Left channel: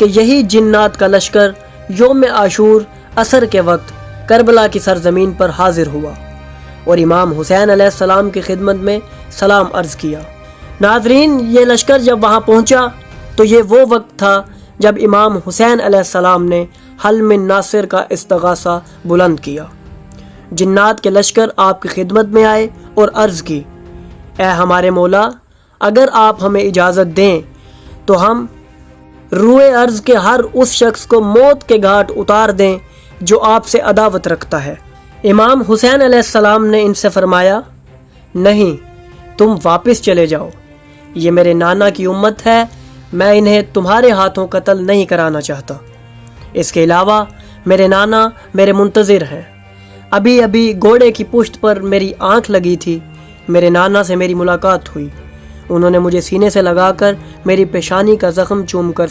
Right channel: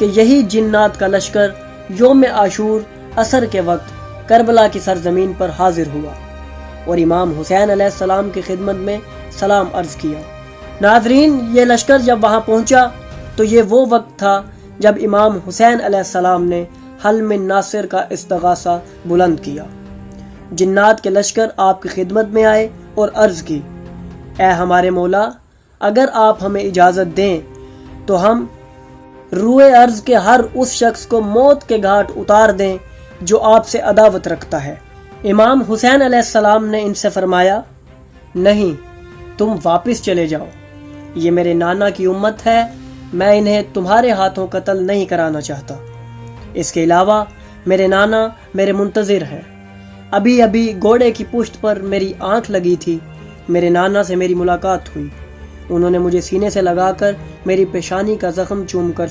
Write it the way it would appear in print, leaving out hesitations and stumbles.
कि यही जिन्नात का लश्कर योम आशूर असर के वक्त करबला की सरजमीन पर हाजिर हुआ और इमाम हुसैन अलैहिस्सलाम की खिदमत में सलाम अर्ज़ किया। नाज़रीन, ये लश्कर जब वहाँ पहुँचा तो ये वो वक्त था जब इमाम हुसैन अलैहिस्सलाम ने हल मिन नासिर का इस्तगासा बुलंद किया। जिन्नात के लश्कर आपकी खिदमत में आए और अर्ज़ की, ए हमारे मौला, अगर आप हमें इजाज़त दें तो हम रूए अर्ज़ के हर उस शख्स को मौत के घाट उतार दें जो आपसे अदावत रखता है। इमाम हुसैन अलैहिस्सलाम ने इनसे फरमाया, नहीं, तुम वापस चले जाओ, ये मेरे नाना की उम्मत है, मैं इन्हें तुम्हारे हाथों कत्ल नहीं कराना चाहता। इसके अलावा मेरे नाना मेरे मुंतज़िर हैं। अभी अभी घोड़े की पुश्त पर मेरी आंख लगी थी, मेरे नाना से मेरी मुलाकात हुई। उन्होंने मुझे सीने से लगाकर मेरी पेशानी का ज़ख्म चूम कर